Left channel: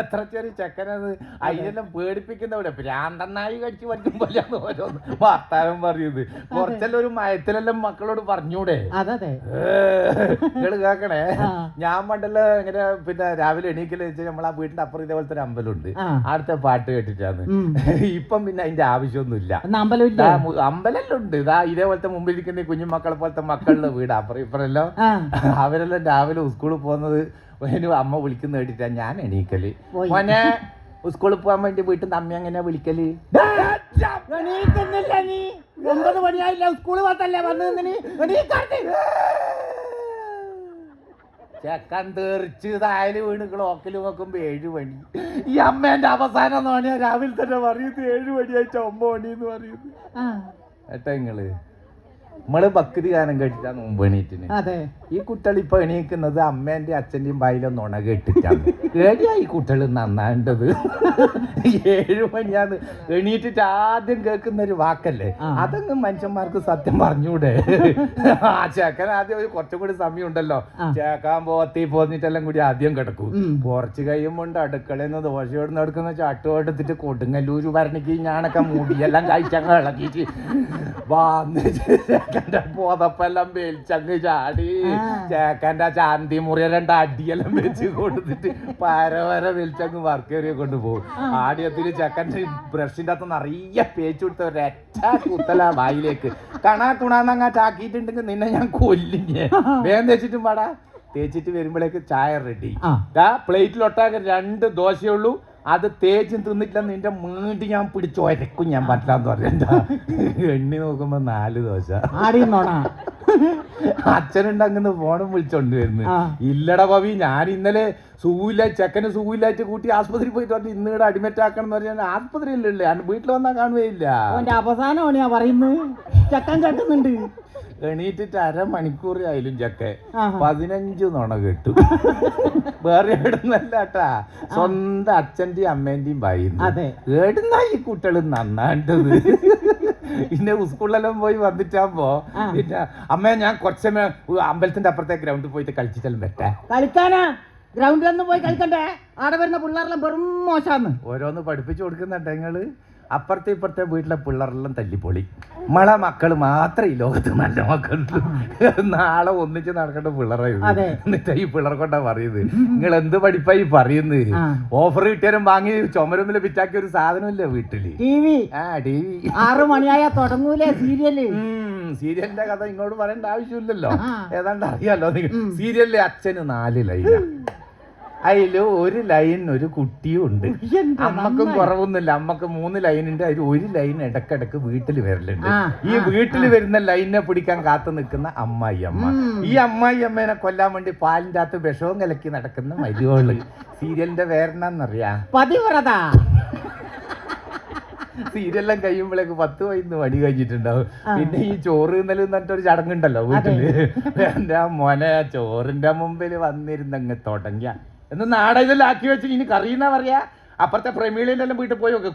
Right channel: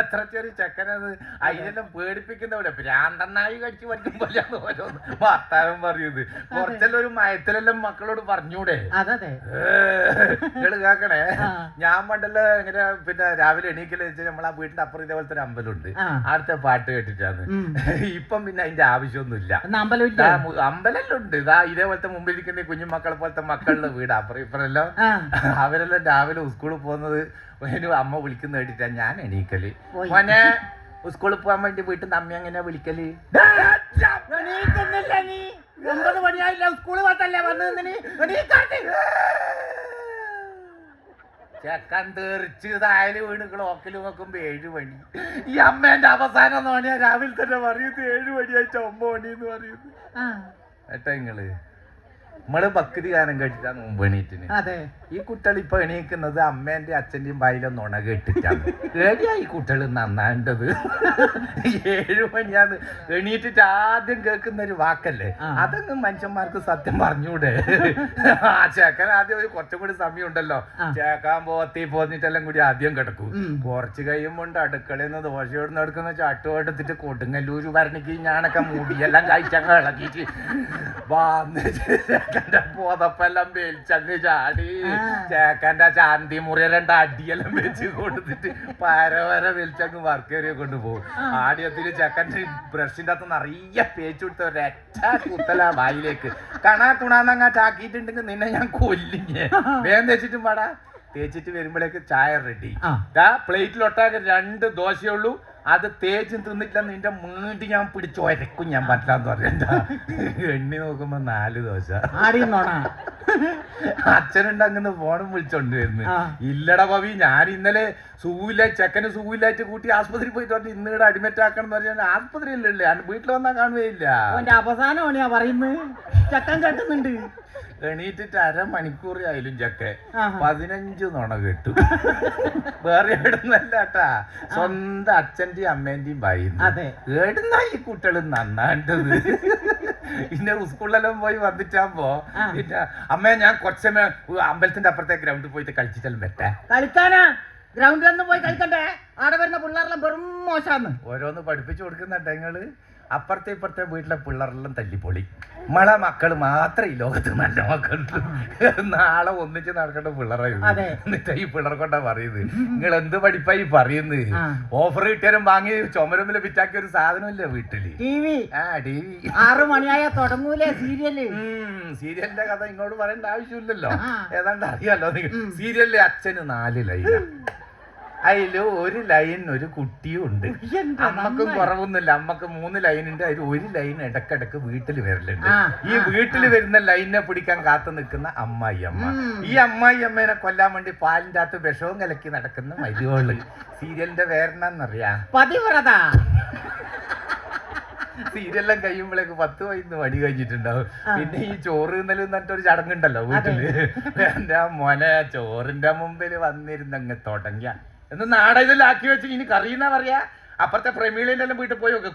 എത്ര ചെറിയ ചെക്കനത്. അതിനെല്ലാം പേടിപ്പിക്കുന്നവിടെ ഭ്രാന്തനായി കടിച്ചു പറ്റും പോലെയാണ് ഓരോന്ന് വർത്താനം പറയുന്നത്. കുറച്ചെല്ലാം ഒരു മയത്തിലെല്ലാം മക്കളോട് പറഞ്ഞൂടെ? നിങ്ങള് കേക്കണേ, ഞാൻ പണ്ടല്ലോ ഇങ്ങനെ പിന്നെ രാവിലെ എണീക്കല് വെച്ചാൽ നമ്മളാ വീടിന്റെ അപ്പുറം ഇതേപോലത്തെ ഒരു അമ്പലമുണ്ട്, അടുത്ത പാട്ട് കേട്ടിട്ടാണ്. ഇപ്പം പിന്നെ അതിന്റെ ആവശ്യമൊന്നുമില്ല. അമ്പലെല്ലാം ഉണ്ട്. ഇതാ ഇതേപോലത്തെ മുമ്പിലിരിക്കുന്ന കുഞ്ഞുമക്കളെ പോലത്തെ മക്കളുടെ വീട് അപ്പുറം ഇപ്പറെല്ലാം. അവരെല്ലാം രാവിലെ സ്കൂളിൽ പോകുന്നത് അമ്മ വിളിക്കുന്ന കേട്ടിട്ടാ ഞാൻ എണീക്കല്. മോനെ സ്കൂളിൽ പോകാൻ വേണ്ടി വീട്ടിൽ നിന്ന് അമ്മ എങ്ങനെയാ വിളിക്കല്? നീ 9 മണിയായില്ല, സ്കൂള് പോത്തല്ലേ വന്നു. ചെക്കൻ തെറിച്ച് തായല് വീണ് ക്ലോക്കിൽ നോക്കുമ്പോ 7 മണി. ഈ അമ്മേന്റെ അവസാനം തോണിയാ രാവിലെ തന്നെ പറയുന്നത് 7 മണിയായിട്ട് 9 മണി എന്ന് പറയുന്നത്. ഏട്ടാ നമ്മള് ഭക്തി ഗാനം കേട്ടിട്ടാണ് മുമ്പ് എണീറ്റിന്. ഈ കുട്ടികൾ ഇപ്പൊ എണീക്കുന്നത് അമ്മേന്റെ അച്ഛന്റെയും വായിലൊന്നും ഉണ കേട്ടിട്ടാണ്. ഏടിയാ ഈ കുട്ടികൾ നന്നാണ്ടത്? 7 മണിയാന്ന് എണീറ്റിട്ട് ആദ്യം കേൾക്കുന്ന ഒരു വാക്കല്ലേ, അതൊന്നും മനുഷ്യന്മാർക്ക് സത്യം പറഞ്ഞൂടെ? ആ ചേക്കൻ ആദ്യം ഒരു കുറച്ചും കൂടി സമയം ഉണ്ടല്ലോ, ചേക്കാൻ പോത്തി പോന്നിട്ടെല്ലാം കൂടി ആദ്യം കിടക്കും. കുറച്ച് കഴിയുമ്പോണ്ട് അടുക്കളയിൽ നിന്ന് ദോശയോട് നടക്കുന്ന ചട്ടുകൊടുത്തിട്ട് കൊടുങ്ങല്ലൂര് ഭരണിക്ക് ഞാനൊക്കെ മുടിയെല്ലാം കഴിച്ചങ്ങ് ഇളക്കിട്ട് ചേക്കന്റെ പോതപ്പെല്ലാം വേലിച്ചങ്ങ് ചാടി ചേക്കന്റെ ചാന്തി മുറിയ 2 അടിയെല്ലാം വെച്ച് കൊടുത്തിട്ട് പരവര വലിച്ചങ്ങ് വർക്കേറിയെ കൊണ്ടുപോകും. ആദ്യത്തിന് ചെക്കൻ്റെ ബ്രഷിന്റെ അകത്ത് നിറയെ പേച്ച് കൊടുത്ത ഒരൊറ്റ കുത്തല വായിലേക്ക് കണാക്കുണാന്നങ്ങാ ചാക്കിയിട്ടുണ്ടെങ്കിൽ നിന്നെ ഞാൻ കൊല്ലിഞ്ഞേ. വേഗം തേച്ചിട്ടും പാടാ. തേച്ചിട്ട് വരുമ്പോഴേക്ക് ചായ റെഡി. പ്ലേറ്റിലൊട്ടാകെ 2 ദോശയുള്ളൂ. അത് തേച്ചും തിന്നിട്ടില്ല, നിന്റെ വീണ്ടും ഞാൻ പിടിച്ച് ഒരക്കും ഞാൻ പറ്റാന്ന് പറഞ്ഞ. എണ്ണി നോക്കുമ്പോ 4 ദോശ. അച്ഛനുണ്ടങ്ങനെ ഫോണും വിളിച്ചോണ്ട് വരുന്നു. ഇല്ലടാ പവി, ഞാൻ ഇന്നലെ സുഖമില്ല, ചെക്കന് സുഖമില്ലായിട്ട് കൂട്ടി ആസ്പത്രി പോയിട്ട് പറഞ്ഞു ഇന്നിവിടെ അഡ്മിറ്റ് ആക്കണം എന്ന് പറഞ്ഞാൽ ആസ്പത്രിയിലല്ലേ, വീട്ടിൽ വന്നാൽ കാണുകയില്ല. അവസാനമാണ് പറയുന്നത്. ചെക്കൻ കേട്ടുന്നുണ്ട്. എണീറ്റിട്ട് 1/2 മണിക്കൂർ ആയാലും ചക്കെ 15 നുണ കേട്ടു. വേറെ എവിടുന്നല്ലാട്ടാ, സ്വന്തം അച്ഛന്റെയും അമ്മേന്റെയും ഭാര്യ. ഏടുന്നാ ഈ കുട്ടികൾ നന്നാണ്ടത്? പിന്നെ സ്കൂളിലെല്ലാം പോയി വന്നിട്ടാകുമ്പോ പിന്നെ അമ്മ ഞാൻ കുറച്ചമ്മ അമ്പലത്തിന്റെ അപ്പുറത്തെ ഗ്രൗണ്ടിൽ പോയിട്ട് കളിച്ചിട്ടെല്ലാം പറ്റാ. കളിക്കാനാ ഗ്രൗണ്ടിലൊന്നും പോയി കളിക്കണ്ടേ? അവിടെ വരുന്ന പിള്ളേരെല്ലാം വെറും മോശാന്ന് ഓരോന്ന് പഠിപ്പിച്ചു കൊടുക്കുന്നുണ്ട് നിങ്ങള്. അപ്പുറത്തെ ഇപ്പുറത്തെ വീട്ടിലെ പിള്ളേരെല്ലാം തല്ലിപ്പൊളി. നമ്മളെ മക്കള് മാത്രമേ ഈ ലോകത്ത് നല്ല മക്കളുള്ളൂ. നാളെ ഒന്നിച്ച് നടക്കേണ്ട പിള്ളേരെ എന്നിട്ട് ഈ പിള്ളേർ കൊണ്ടാ പറയുന്നത് നിങ്ങൾ എന്ത് പഠിപ്പായി പറയുന്നത്? ഓഫർ കിട്ടിയാലും വാങ്ങി ചുമരുമ്പില് പിറ്റാക്കിയ ഒരു സാധനമില്ല വീട്ടില്. TV 6 മണിയായാ തുടങ്ങൂലേ സീരിയല്? സീരിയലിന്റെ കഥ ഇങ്ങോട്ട് പറയേണ്ട ആവശ്യമില്ലല്ലോ, ഏതാണ്ട് അറിയാലോ. സീരിയലിലെ അച്ഛന് 4 ലൈനാ. അതില് 1 ലൈൻ ഒരു കുട്ടിയും ഉണ്ട്. അമ്മക്കും കുറവൊന്നുമില്ല, അമ്മക്ക് 3 ലൈനുണ്ട്. അതിൽ 1 ലൈൻ ഇടക്കിടക്ക് വീട്ടിൽ വരലുണ്ട്. ഈ വീട്ടിൽ വരുന്ന ലൈനിനെ പിടിക്കാൻ കാത്തു നിൽക്കുന്ന അമ്മായി അമ്മ. ഈ അമ്മായി അമ്മേനെ കൊല്ലാൻ വേണ്ടി പാലിന്റെ അകത്ത് വിഷവും കലക്കി നടക്കുന്ന മരുവോള്. സീരിയലിന്റെ വേറെന്നറിയാ പതിവ്രത. സീരിയലെല്ലാം കഴിയുമ്പോഴേക്ക് 10-15 മണി കഴിഞ്ഞിട്ടുണ്ടാവും. പിന്നെ ഈ ചോറ് ഇന്നലെ എന്നിട്ടൊരു ചടങ്ങുണ്ടല്ലോ വീട്ടില്. എന്റെ മോനെ ചോറിന്റെ മുമ്പിൽ വന്നിരുന്നങ്ങ് തുടങ്ങിയ എന്ന് നാട ഇതെല്ലാം ആക്കി വെച്ച് ഇനി കറിയെന്നാ പറയാ. അപ്പുറത്തെ പ്രമീളന്റെ എല്ലാം വീട്ടിൽ പോയി നോക്ക്,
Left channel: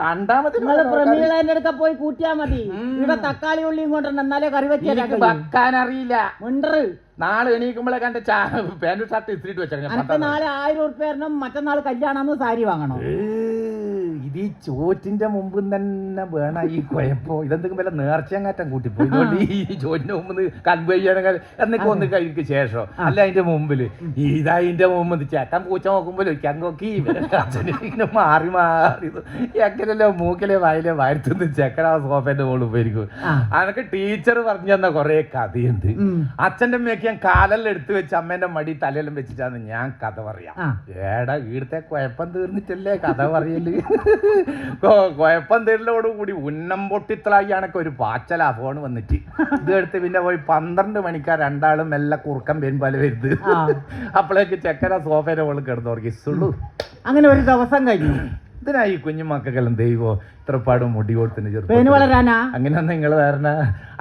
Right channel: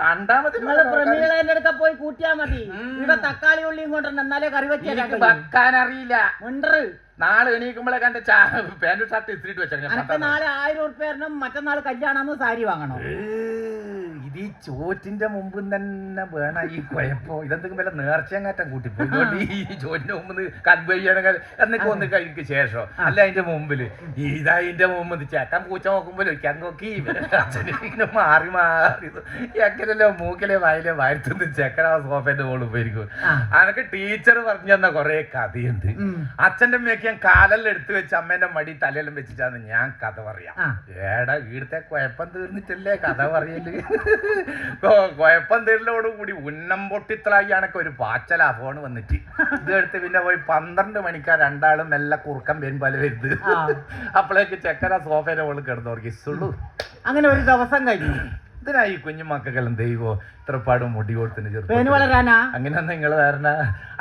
കണ്ടാ മതി. പ്രമീളന്റെ അടുക്ക പോയി കൂട്ടിയാ മതി. ഇവിടെ തക്കാളി ഉള്ളിയും കൊണ്ടുണ്ട്, എന്നാലേ കറി വെക്കാൻ അറിയില്ല. നാളെ എണീക്കുമ്പോഴേ കണ്ട പാന്റ് ഷർട്ട് ഇസ്തിരിട്ട് വെച്ചാൽ നാളെ 1000 ഉറുപ്പ്യ തരണം, മറ്റന്നാൾ കല്യാണം സാരി വാങ്ങണം. ഇത് ഈ ചോറ്റിന്റെ മുമ്പ് തന്നെ വേണ ഈ കുഴപ്പോ. ഇതെന്തെങ്കിലും വല്ല നേർച്ചയങ്ങാറ്റം കൂട്ടിപ്പോയി ഈ ചോറ്റിന്റെ മുമ്പ് കൺവേ ചെയ്യണമെങ്കിൽ എന്നൊക്കെ ഒന്ന് കഴിക്ക് ശേഷം അല്ല അതിന്റെ മുമ്പില് ഇതതിന്റെ മുമ്പ് ചേക്കൻ പൂച്ച നോക്കുമ്പോൾ ഒരിക്കാൻ നോക്കി അച്ഛനെ മാറി മാറി എങ്ങനെയല്ലോ മൂക്കിലെ വായിലെ വായത്തുനിന്ന് ചെക്കൻ ആ സോഫേന്റെ മുകളിൽ പോയിരിക്കും. അനക്ക് ടീച്ചർ പറഞ്ഞു തന്ന കൊറേ കഥയുണ്ട്. അച്ഛന്റെ അമ്മയൊക്കെ ഞാൻ കാലെല്ലാം എടുത്തു വെച്ച് അമ്മേന്റെ മടി തലയെല്ലാം വെച്ചിട്ടാണ് ഞാൻ കഥ പറയാം. ഏടാ വീടത്തെ കുഴപ്പം തീർന്നിട്ടല്ലേ കഥ പറയല്. കുഴപ്പം തീരലോടുകൂടി ഉന്നം പൊട്ടിത്തളായി ആണൊക്കെ ഒരു പാച്ചലാ ഫോൺ വന്നിട്ട്. ഇതെടുത്ത് പിന്നെ പോയി 12 മണിക്കാ 2 ആളും മെല്ലെ കുറുക്കം പോലെ വരുന്നത്. അപ്പോഴേക്ക് ചെക്കന സോഫയുടെ മുകളിൽ കിടന്നുറക്കി സുള്ളു. അങ്ങനെ ഒരു ദിവസം കഴിഞ്ഞു. ഇതിനാ ഈ കുഞ്ഞു മക്കളെല്ലാം ദൈവോ ഇത്രപ്പാട് മുടി കൊടുത്തിന് പേന് ചെറുപ്പം വളരാനാ അങ്ങനെ നിങ്ങൾ ധാരണ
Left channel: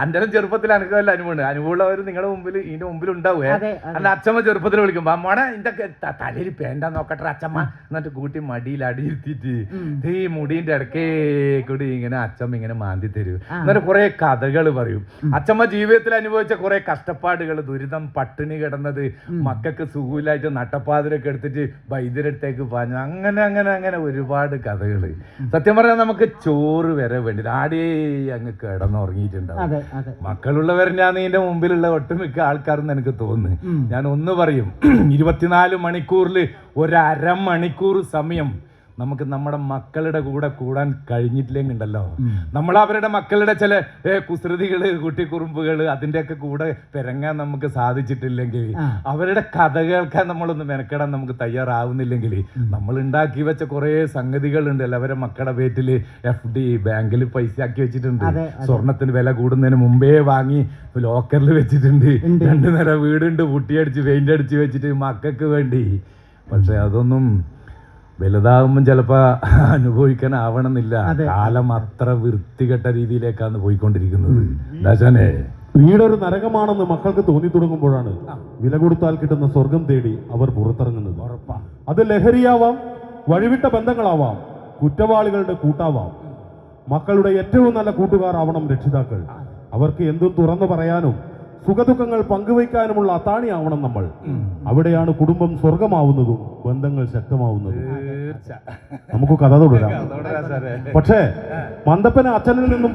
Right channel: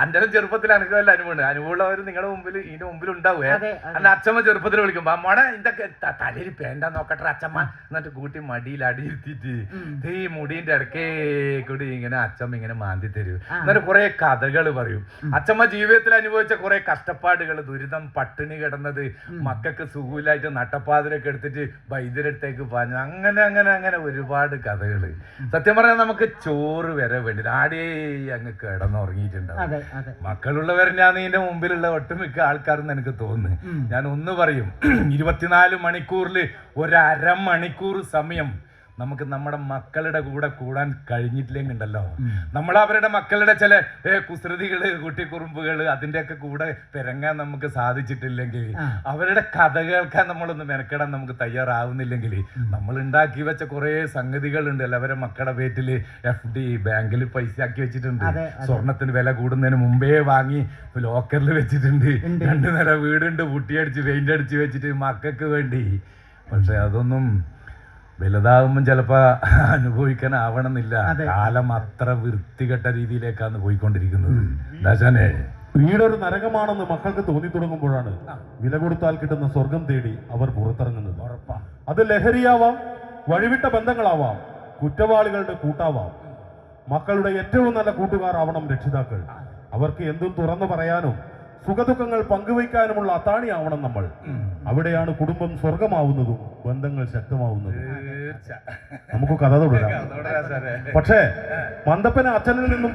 അന്റെ ചെറുപ്പത്തിൽ എനിക്ക് വല്ല അനുഭവമുണ്ട് അനുഭവമുള്ളവർ നിങ്ങളുടെ മുമ്പിൽ ഇതിന്റെ മുമ്പിൽ ഉണ്ടാവേ അതെ, അതെ. അല്ല അച്ഛമ്മ ചെറുപ്പത്തിൽ വിളിക്കുമ്പോ മോടെ ഇതൊക്കെ തലയിൽ പേണ്ടാ നോക്കട്ടെ അച്ഛമ്മ എന്നിട്ട് കൂട്ടി മടിയിൽ അടിയിരുത്തിട്ട് ഈ മുടീന്റെ ഇടക്കേ കൂടി ഇങ്ങനെ അച്ഛമ്മ ഇങ്ങനെ മാന്തി തരൂ എന്നിട്ട് കുറെ കഥകൾ പറയും അച്ഛമ്മ ജീവിതത്തിൽ അനുഭവിച്ച കുറെ കഷ്ടപ്പാടുകൾ ദുരിതം പട്ടിണി കിടന്നത് മക്കൾക്ക് സുഖമില്ലായിട്ട് നട്ടപ്പാതിരൊക്കെ എടുത്തിട്ട് വൈദ്യരടുത്തേക്ക് പാഞ്ഞു അങ്ങനെ അങ്ങനെ അങ്ങനെ ഒരുപാട് കഥകൾ സത്യം പറഞ്ഞാൽ നമുക്ക് ചോറ് വരെ വേണ്ടി ആടേ അങ്ങ് കിടന്നുറങ്ങിയിട്ടുണ്ടാവും അതെ അതെ മക്കളുള്ളവരെന്നാണ് ഇതിന്റെ മുമ്പിലുള്ള ഒട്ടുമിക്ക ആൾക്കാരെന്ന് എനിക്ക് തോന്നുന്നു ഞാൻ ഒന്ന് പറയും 24 മണിക്കൂറിൽ ഒരു അരമണിക്കൂർ സമയം നമുക്ക് നമ്മുടെ മക്കളുടെ കൂടെ കൂടാൻ കഴിഞ്ഞിട്ടില്ലെങ്കിൽ ഉണ്ടല്ലോ നമ്മൾ അവരുടെ മക്കളുടെ ചില കുസൃതികള് കുട്ടിക്കുറുമ്പുകള് അതിന്റെയൊക്കെ കൂടെ പെരങ്ങാൻ നമുക്ക് സാധിച്ചിട്ടില്ലെങ്കിൽ അവരുടെ കഥ കേൾക്കാൻ നമ്മളൊന്ന് മെനക്കെടാൻ നമുക്ക് തയ്യാറാവുന്നില്ലെങ്കിൽ നമ്മൾ ഉണ്ടാക്കി വെച്ച കുറെ സംഗതികളുണ്ടല്ലോ അവരെ മക്കളുടെ പേറ്റില് FD ബാങ്കിൽ പൈസ ആക്കി വെച്ചിട്ടുണ്ട് സ്വർണത്തിന് വില കൂടുന്നതിന് മുമ്പേ വാങ്ങി ലോക്കറിൽ വെച്ചിട്ടുണ്ട് 2 നില വീടുണ്ട് പുട്ടിയടിച്ച് പെയിന്റ് അടിച്ച് വെച്ചിട്ട് മക്കൾക്ക് വേണ്ടി പക്ഷെ അതൊന്നും വലുതാകുമ്പം ചിലപ്പോ അനുഭവിക്കാനാവണമെന്നില്ല കാലം അത്ര വൃത്തികെട്ട രീതിയിലേക്കാണ് പോയിക്കൊണ്ടിരിക്കുന്നത് ദാശാനെ വീടൊരു നരകമാണെന്ന് മക്കൾക്ക് തോന്നി തുടങ്ങുമ്പോഴാണ് വില കൊടുത്താൽ കിട്ടുന്ന സ്വർഗം തേടി അവർ പുറത്തിറങ്ങുന്നത്. അത് ലഹരിയാവാം, വഴിവിട്ട ബന്ധങ്ങളാവാം, കുറ്റവാളികളുടെ കൂട്ടാവാം. മക്കളുടെ ഏറ്റവും നല്ല കൂട്ടുകാർ ആവണം രക്ഷിതാക്കൾ. അവർക്ക് എന്തും തുറന്നു പറയാനും സുഖദുഃഖങ്ങൾ പങ്കുവയ്ക്കാനുമുള്ള അത്താണിയാവണം നമ്മൾ. അവിടെയാണ് കുടുംബം സ്വർഗമാവുന്നതും ബന്ധങ്ങൾ ശക്തമാവുന്നതും. നമുക്ക് കഥ തുടരാം. പക്ഷേ മന്ദപ്പന അച്ഛനിൽ നിന്നും